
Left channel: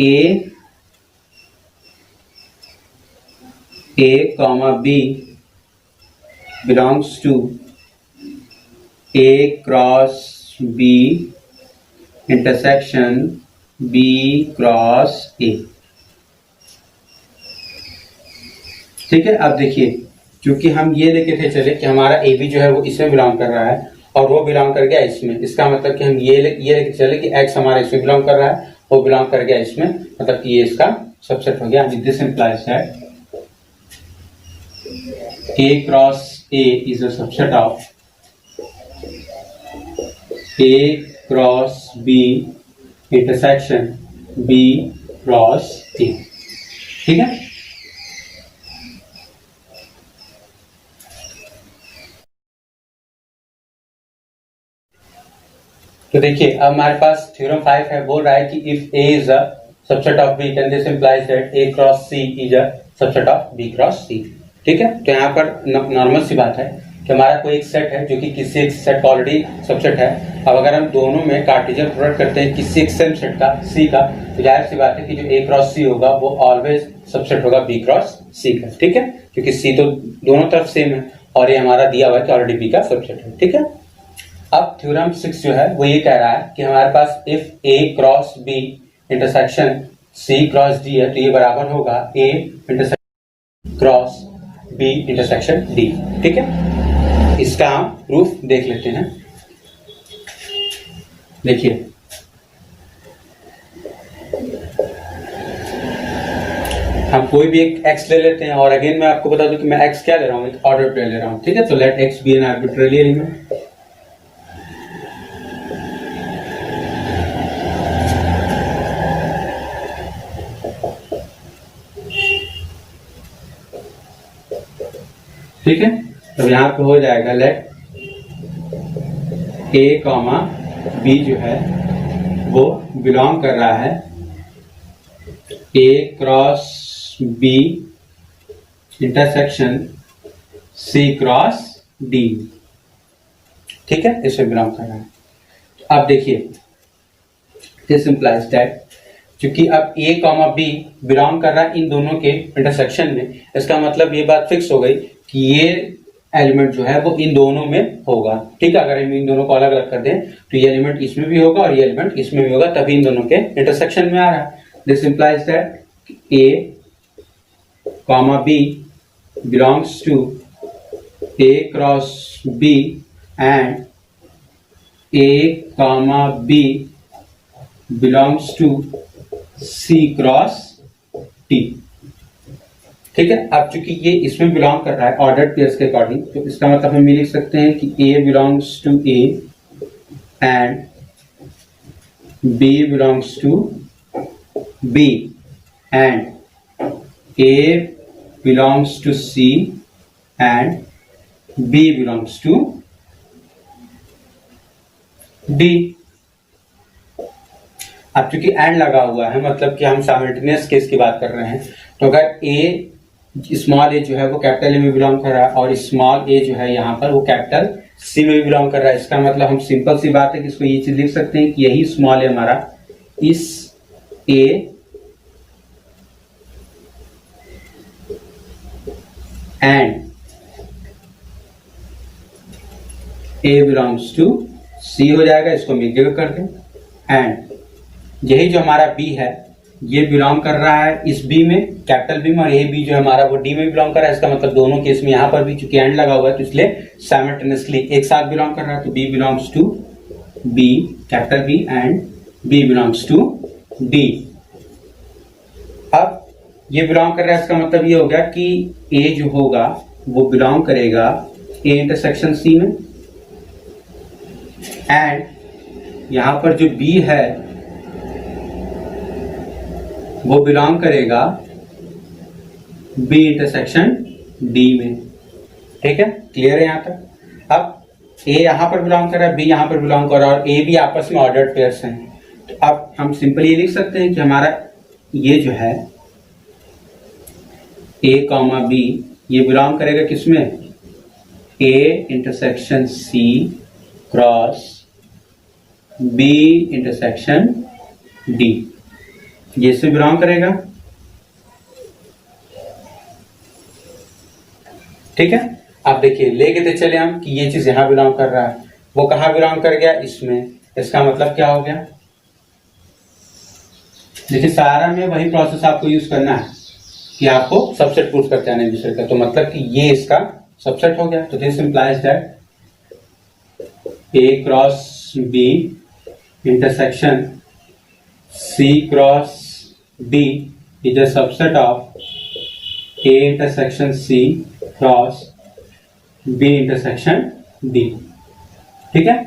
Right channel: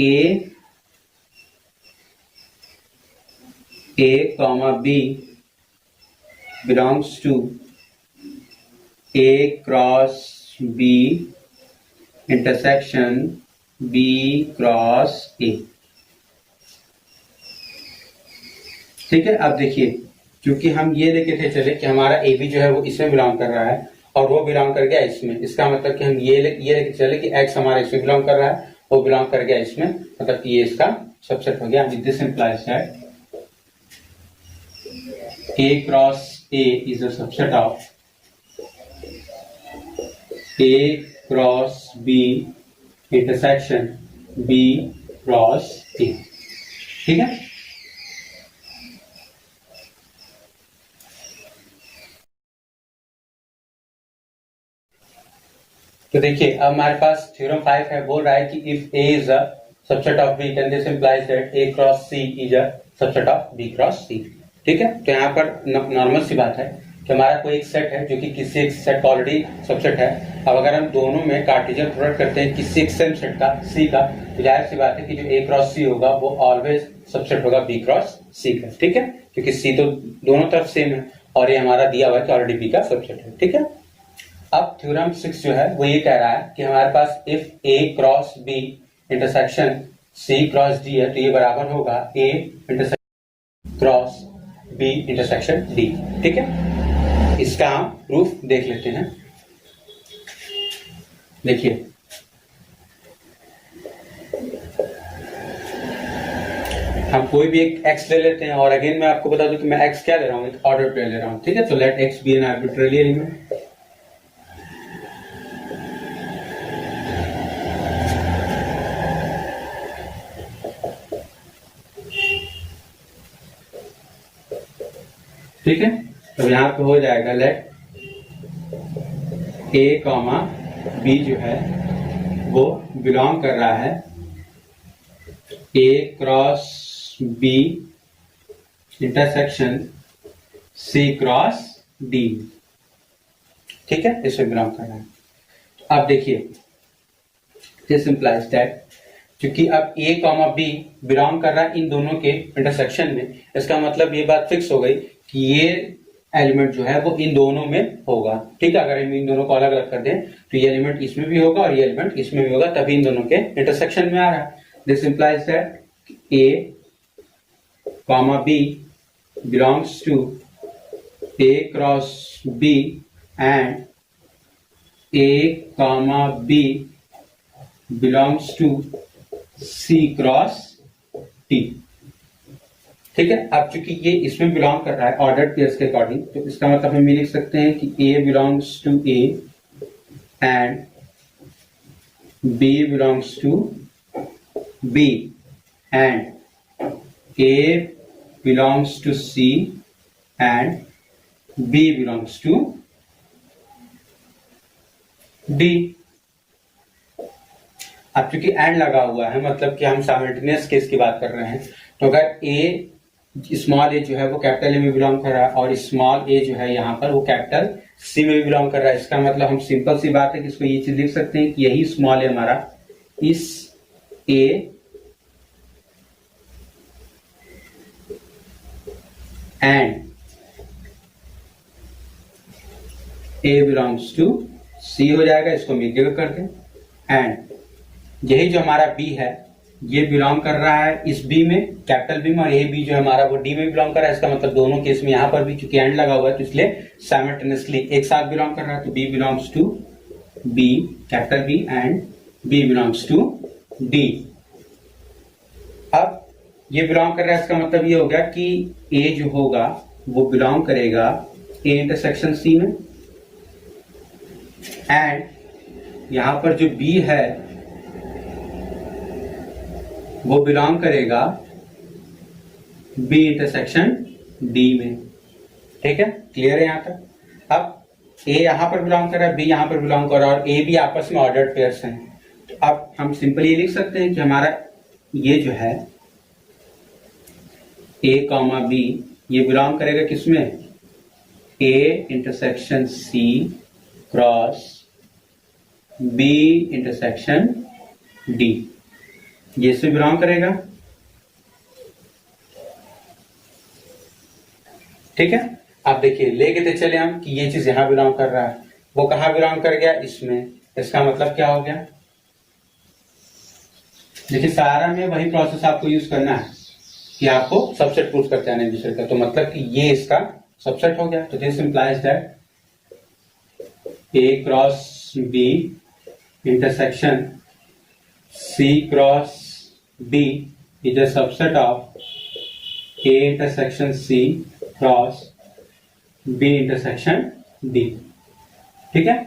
A comma B belongs to A cross B intersection B cross A. ठीक है, अब देखिए क्योंकि हम ये लेके थे चले कि हमारा ए बी जो है वो इसमें बिलोंग कर रहा है और वो बिलोंग कर गया इसमें, इसका मतलब कि हम ये लेके चले कि x हमारा इसमें बिलोंग कर रहा है, वो बिलोंग कर गया इसमें, मतलब कि ये इसका सबसेट हो गया। This implies that A cross A is a subset of A cross B intersection B cross A। ठीक है, तो देखिए अब हमारे पास थ्योरम 5 है, बोल रहा है कि if A is a subset of B then this implies that A cross C is a subset of B cross C। ठीक है, तो यहाँ पर नॉर्मल सी बात है कि हमारा कोई एक सेट है जो कि किसी एक सेट का ऑलरेडी सबसेट है। अब अगर हम दोनों में कार्टेशियन प्रोडक्ट करते हैं किसी एक सेम सेट का C का, तो जाहिर सी बात है कि जो A क्रॉस C होगा वो ऑलवेज सबसेट होगा B क्रॉस C का। ठीक है, क्योंकि C तो दोनों तरफ सेम है और ये हमारा दिया हुआ है कि ऑलरेडी B का सबसेट है। ठीक है, अब थ्योरम 6 जो है वो ये कह रहा है कि हमारे पास if A cross B intersection C cross D है तो ये बराबर होगा A intersection cross B intersection D। ठीक है, इसका हम प्रूफ देख लेते हैं। देखिए हम कोई भी एक x ले लेते हैं और अगेन मैं आपको बता दूं कि मैं x क्या ले रहा हूं, एक ऑर्डर पे ले रहा हूं। ठीक है, तो let x be an arbitrary element. ठीक है, तो यहां पे हो जाएगा लेट a कॉमा b जो है वो बिलोंग कर रहा है A cross B intersection C cross D। ठीक है, इसे बिलोंग कर रहा है। अब देखिए दिस इंप्लाइज दैट क्योंकि अब A कॉमा B बिलोंग कर रहा है इन दोनों के इंटरसेक्शन में, इसका मतलब ये बात फिक्स हो गई कि ये एलिमेंट जो है वो इन दोनों में होगा। ठीक है, अगर हम इन दोनों को अलग अलग कर दें तो ये एलिमेंट इसमें भी होगा और ये एलिमेंट इसमें भी होगा, तभी इन दोनों के इंटरसेक्शन में आ रहा है। This implies that A comma B belongs to A cross B and A comma B belongs to C cross D। ठीक है, अब चूंकि ये इसमें बिलोंग कर रहा है ऑर्डर्ड पेयर्स के अकॉर्डिंग, तो इसका मतलब हम ये लिख सकते हैं कि A belongs to A and B belongs to B and A belongs to C and B belongs to D। अब चूंकि एंड लगा हुआ है मतलब कि हम साइमल्टेनियस केस की बात कर रहे हैं, तो अगर ए स्मॉल ए जो है वो कैपिटल ए में बिलोंग कर रहा है और स्मॉल ए जो है यहाँ पर वो कैपिटल सी में भी बिलोंग कर रहा है, इसका मतलब हम सिंपल सी बात है कि इसको ये चीज लिख सकते हैं कि यही स्मॉल ए हमारा इस A and A belongs to C हो जाएगा, इसको हम एक जगह कर दें। एंड यही जो हमारा बी है ये बिलोंग कर रहा है इस बी में, कैपिटल बी में, और ये बी जो हमारा वो डी में बिलोंग कर रहा है। इसका मतलब दोनों केस में यहां पर भी चूंकि एंड लगा हुआ है तो इसलिए साइमल्टेनियसली एक साथ बिलोंग कर रहा है। तो B belongs to B capital B and B belongs to D. अब ये बिलोंग कर रहा है, इसका मतलब ये हो गया कि ए जो होगा वो बिलोंग करेगा ए इंटरसेक्शन सी में, एंड यहां पर जो बी है वो बिलोंग करेगा बी इंटरसेक्शन डी में। ठीक है, क्लियर है यहां तक। अब ए यहां पर बिलोंग कर रहा है, बी यहां पर बिलोंग कर रहा है और ए बी आपस में ऑर्डर्ड पेयर्स हैं। तो अब हम सिंपली ये लिख सकते हैं कि हमारा ये जो है ए कॉमा बी ये बिलोंग करेगा किसमें, A intersection C cross B intersection D, ये इसमें बिलोंग करेगा। ठीक है, आप देखिए लेके थे चले हम कि ये चीज यहां बिलोंग कर रहा है, वो कहां बिलोंग कर गया, इसमें। इसका मतलब क्या हो गया, देखिए सारा में वही प्रोसेस आपको यूज करना है कि आपको सबसेट प्रूफ करते हैं दूसरे का। तो मतलब कि ये इसका सबसेट हो गया। तो this implies that A cross B intersection C cross D is a subset of A intersection C cross B intersection D। ठीक है,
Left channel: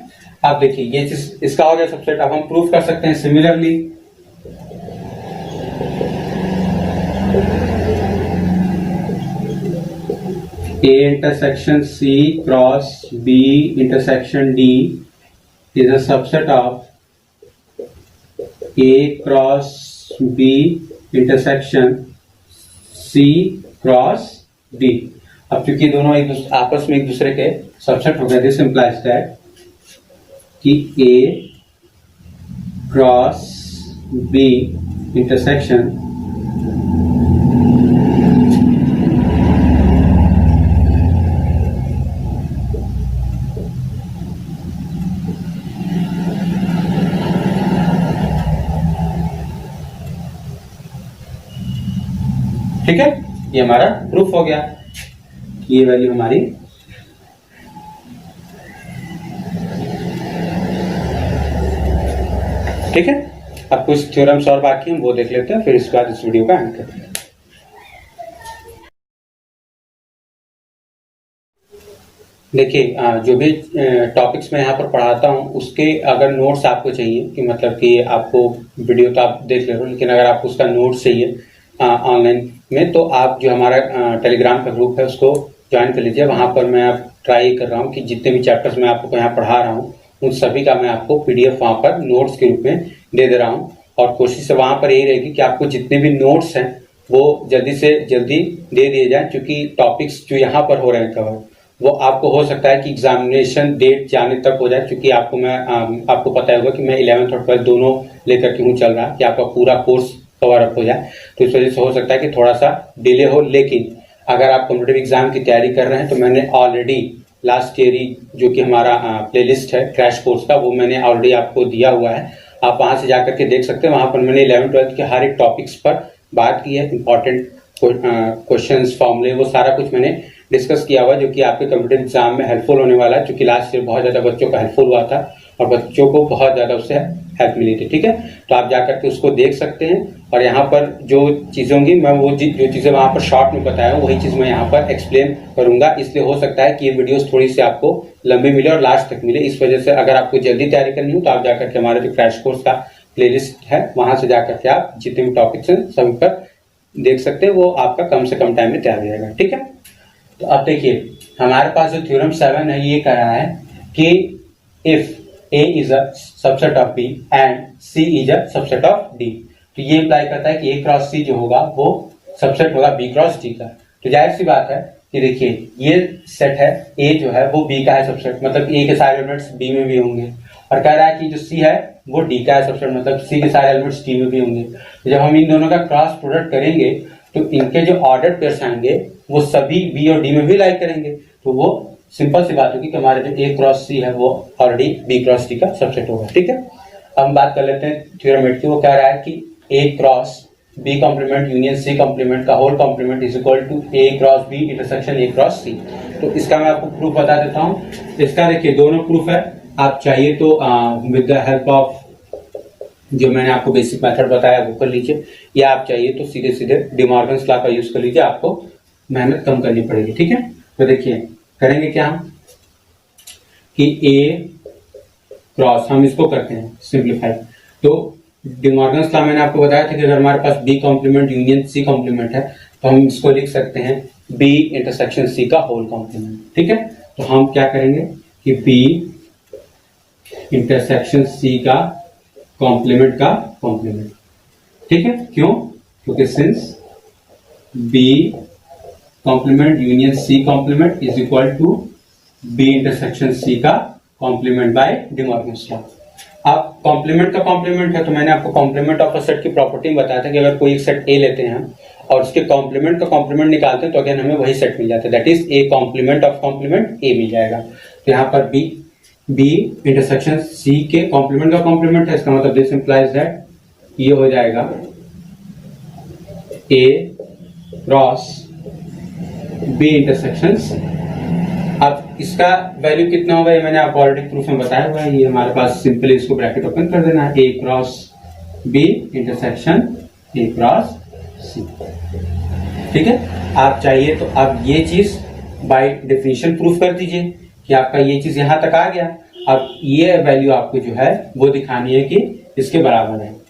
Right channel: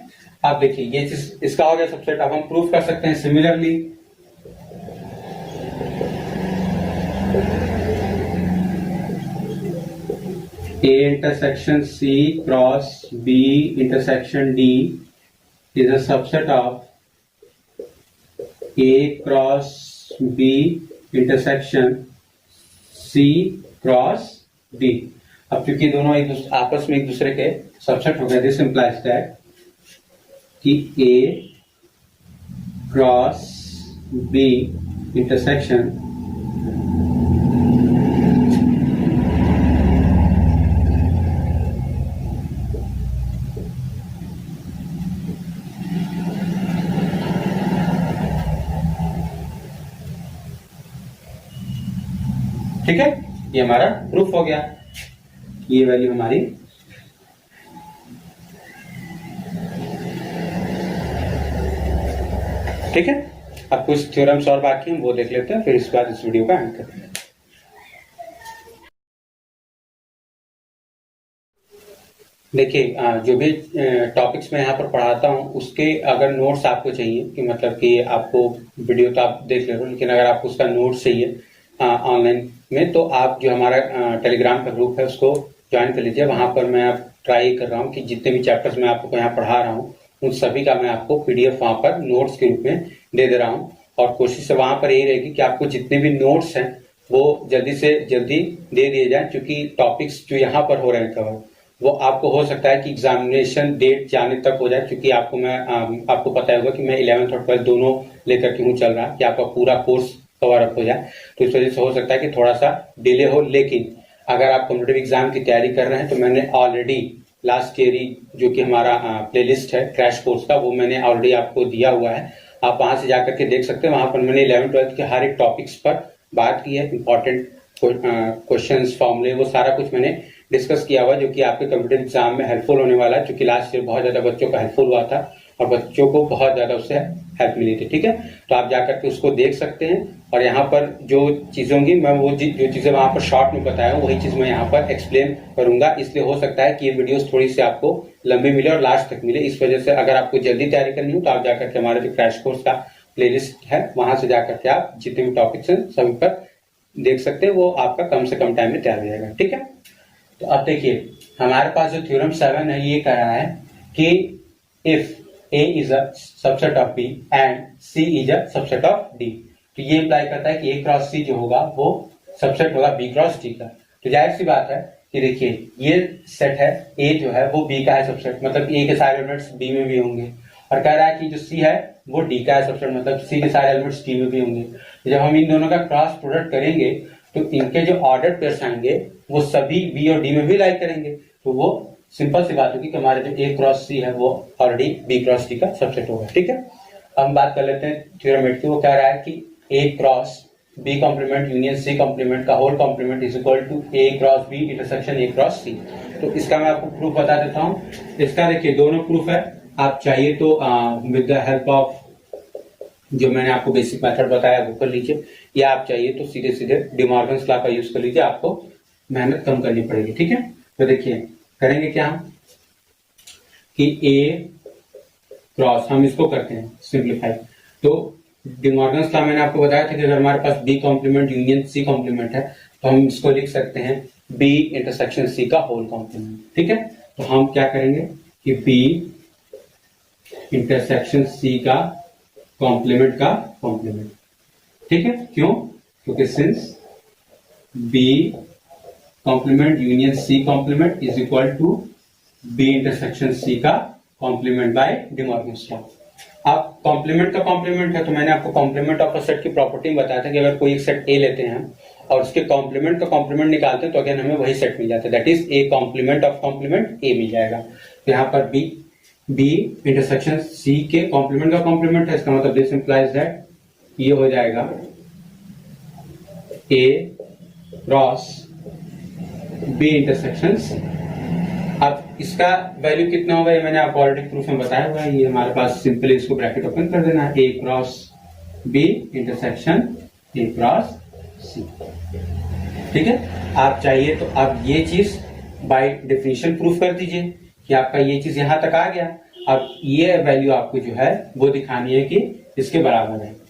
आप देखिए ये चीज इसका हो गया सबसेट। अब हम प्रूफ कर सकते हैं similarly A intersection C cross B intersection D is a subset of A cross B intersection C cross D। अब चूंकि दोनों आपस में एक दूसरे के सबसेट हो गए, दिस इंप्लाइज दैट कि A क्रॉस B इंटरसेक्शन ठीक है, ये हमारा प्रूफ हो गया। ये वैल्यू हमारी ठीक है। अब कुछ थ्योरम्स और बाकी हैं वो देख लेते हैं, फिर इसके बाद इस वीडियो का एंड करते हैं। देखिए जो भी टॉपिक्स मैं यहाँ पर पढ़ाता हूँ उसके अगर नोट्स आपको चाहिए कि मतलब कि आपको वीडियो तो आप देख ले रहे हो, लेकिन अगर आपको उसका नोट्स चाहिए ऑनलाइन में तो आप जो हमारा टेलीग्राम का ग्रुप है उसको ज्वाइन कर लीजिए। वहां पर मैं अब ट्राई कर रहा हूँ कि जितने भी चैप्टर्स मैं आपको यहाँ पढ़ा रहा हूँ उन सभी का मैं आपको पीडीएफ वहां पर नोट्स के रूप में दे दे रहा हूँ, और कोशिश से वहां पर यही रहेगी कि आपको जितने भी नोट्स हैं वो जल्दी से जल्दी दे दिए जाए, क्योंकि टॉपिक्स जो यहाँ पर हो रहे हैं कवर वो आपको हो सकता है कि एग्जामिनेशन डेट जाने तक हो जाए, क्योंकि आपको पता होगा कि मैं 11th और 12th दोनों लेकर के हूँ चल रहा कि आपका पूरा कोर्स कवर अप हो जाए, तो इस वजह से हो सकता है कि थोड़ा सा डिले हो। लेकिन अगर आप कॉम्पिटिटिव एग्जाम की तैयारी कर रहे हैं तो मैंने ऑलरेडी लास्ट ईयर जो कि हमारा प्लेलिस्ट है क्रैश कोर्स का, वो मैंने ऑलरेडी आपको दिया हुआ है, आप वहां से जाकर के देख सकते हैं। वहां पर मैंने 11th 12th के हर एक टॉपिक्स पर बात की है, इंपॉर्टेंट क्वेश्चंस फॉर्मूले वो सारा कुछ मैंने डिस्कस किया हुआ जो कि आपके कॉम्पिटिटिव एग्जाम में हेल्पफुल होने वाला है, क्योंकि लास्ट ईयर बहुत ज्यादा बच्चों का हेल्पफुल हुआ था और बच्चों को बहुत ज्यादा उससे हेल्प मिली थी। ठीक है, तो आप जाकर के उसको देख सकते हैं, और यहाँ पर जो चीजें होंगी मैं वो जो चीजें वहां पर शॉर्ट में बताया हूँ वही चीज मैं यहाँ पर एक्सप्लेन करूंगा। इसलिए हो सकता है कि ये वीडियोस थोड़ी सी आपको लंबी मिले और लास्ट तक मिले, इस वजह से अगर आपको जल्दी तैयारी करनी हो तो आप जाकर के हमारे जो क्रैश कोर्स का प्लेलिस्ट है वहां से जाकर के आप जितने भी टॉपिक्स हैं सभी पर देख सकते हैं, वो आपका कम से कम टाइम में तैयार हो जाएगा। ठीक है, तो अब देखिए हमारे पास जो थ्योरम 7 है ये कह रहा है कि if A is a subset of B and C is a subset of D, तो ये इम्प्लाई करता है कि A क्रॉस C जो होगा वो सबसेट होगा B क्रॉस D का। तो जाहिर सी बात है कि देखिए ये सेट है, A जो है वो B का है सबसेट, मतलब A के सारे एलिमेंट्स B में भी होंगे, और कह रहा है कि जो C है वो D का है सबसेट, मतलब C के सारे एलिमेंट्स D में भी होंगे। जब हम इन दोनों का क्रॉस प्रोडक्ट करेंगे तो इनके जो ऑर्डर पेयर्स आएंगे वो सभी B और D में भी लाइक करेंगे, तो वो सिंपल सी बात होगी कि हमारे जो A क्रॉस C है वो ऑलरेडी B क्रॉस D का सबसेट होगा। ठीक है, अब हम बात कर लेते हैं थ्योरम 8 की। वो कह रहा है कि A cross B complement union C complement का whole complement is equal to A cross B intersection A cross C। तो इसका मैं आपको प्रूफ बता देता हूँ। इसका देखिए दोनों प्रूफ है, आप चाहिए तो विद द हेल्प ऑफ जो मैंने आपको बेसिक मेथड बताया वो कर लीजिए, या आप चाहिए तो सीधे सीधे डिमॉर्गन्स लॉ का यूज कर लीजिए, आपको मेहनत कम करनी पड़ेगी। ठीक है, तो देखिए करेंगे क्या हम कि A क्रॉस हम इसको करते हैं सिंप्लीफाई। तो डिमॉर्गन्स लॉ मैंने आपको बताया था कि अगर हमारे पास B complement union C complement है तो हम इसको लिख सकते हैं B इंटरसेक्शन C का होल कॉम्प्लीमेंट। ठीक है, तो हम क्या करेंगे कि B इंटरसेक्शन C का कॉम्प्लीमेंट का कॉम्प्लीमेंट। ठीक है, क्यों? क्योंकि since B complement union C complement is equal to B intersection C का कॉम्प्लीमेंट बाय डिमॉर्गन्स लॉ। अब कॉम्प्लीमेंट का कॉम्प्लीमेंट है तो मैंने आपको कॉम्प्लीमेंट ऑफ अ सेट की प्रॉपर्टी बताया था कि अगर कोई एक सेट A लेते हैं हम और उसके कॉम्प्लीमेंट का कॉम्प्लीमेंट निकालते हैं तो अगेन हमें वही सेट मिल जाता है, that is A complement of complement A मिल जाएगा। तो यहाँ पर B इंटरसेक्शन C के कॉम्प्लीमेंट का कॉम्प्लीमेंट है, इसका मतलब दिस इंप्लाइज दैट ये हो जाएगा A cross B intersection C। अब इसका वैल्यू कितना होगा ये मैंने आपको ऑलरेडी प्रूफ में बताया हुआ है। ये हमारे पास सिंपली इसको ब्रैकेट ओपन कर देना है, A cross B intersection A cross C. ठीक है, आप चाहिए तो आप ये चीज बाय डेफिनेशन प्रूफ कर दीजिए कि आपका ये चीज यहां तक आ गया। अब ये वैल्यू आपको जो है वो दिखानी है कि इसके बराबर है।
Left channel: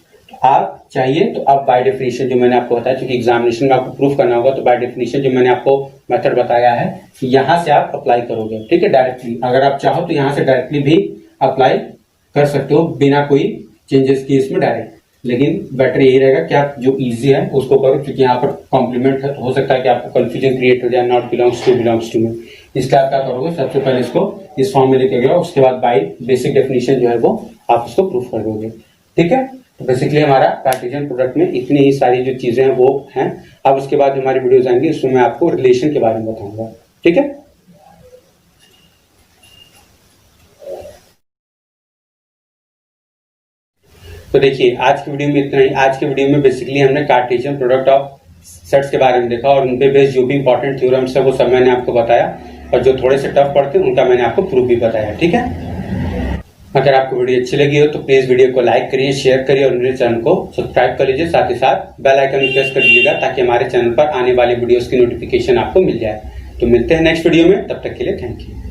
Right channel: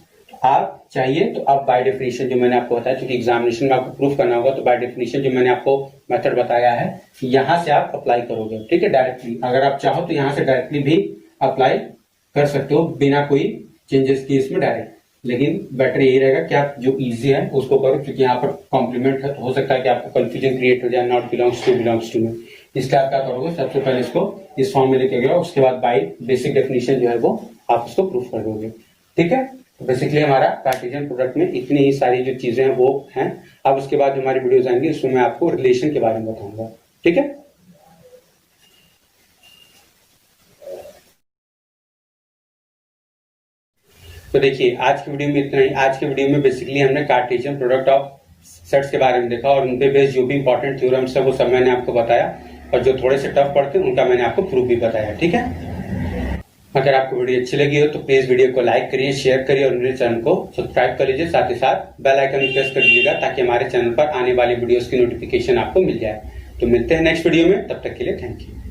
आप चाहिए तो आप बाय डेफिनेशन जो मैंने आपको बताया, क्योंकि एग्जामिनेशन में आपको प्रूफ करना होगा, तो बाय डेफिनेशन जो मैंने आपको मेथड बताया है यहां से आप अप्लाई करोगे। ठीक है, डायरेक्टली अगर आप चाहो तो यहां से डायरेक्टली भी अप्लाई कर सकते हो बिना कोई चेंजेस की इसमें डायरेक्ट, लेकिन बेटर यही रहेगा कि आप जो इजी है उसको करो, क्योंकि यहाँ पर कॉम्प्लीमेंट हो सकता है कि आपको कंफ्यूजन क्रिएट हो जाए नॉट बिलोंग्स टू में। इसलिए आप क्या करोगे, सबसे पहले इसको इस फॉर्म में लेके गए, उसके बाद बाय बेसिक डेफिनेशन जो है वो आप इसको प्रूफ कर दोगे। ठीक है, तो बेसिकली हमारा कार्टेशियन प्रोडक्ट में इतनी ही सारी जो चीजें हैं वो हैं। अब उसके बाद हमारी वीडियोस आएंगी, इसमें मैं आपको रिलेशन के बारे में बताऊंगा। ठीक है, तो देखिए आज की वीडियो में इतना ही। आज की वीडियो में बेसिकली हमने कार्टेशियन प्रोडक्ट ऑफ सेट्स के बारे में देखा और उनपे बेस्ड जो भी इंपॉर्टेंट थ्योरम्स है वो सब मैंने आपको बताया, और जो थोड़े से टफ पड़ते हैं उनका मैंने आपको प्रूफ भी बताया। ठीक है, अगर आपको वीडियो अच्छी लगी हो तो प्लीज वीडियो को लाइक करिए, शेयर करिए और मेरे चैनल को सब्सक्राइब कर लीजिए। साथ ही साथ बेल आइकन भी प्रेस कर दीजिएगा ताकि हमारे चैनल पर आने वाली वीडियोस की नोटिफिकेशन आपको मिल जाए। तो मिलते हैं नेक्स्ट वीडियो में, तब तक के लिए थैंक यू।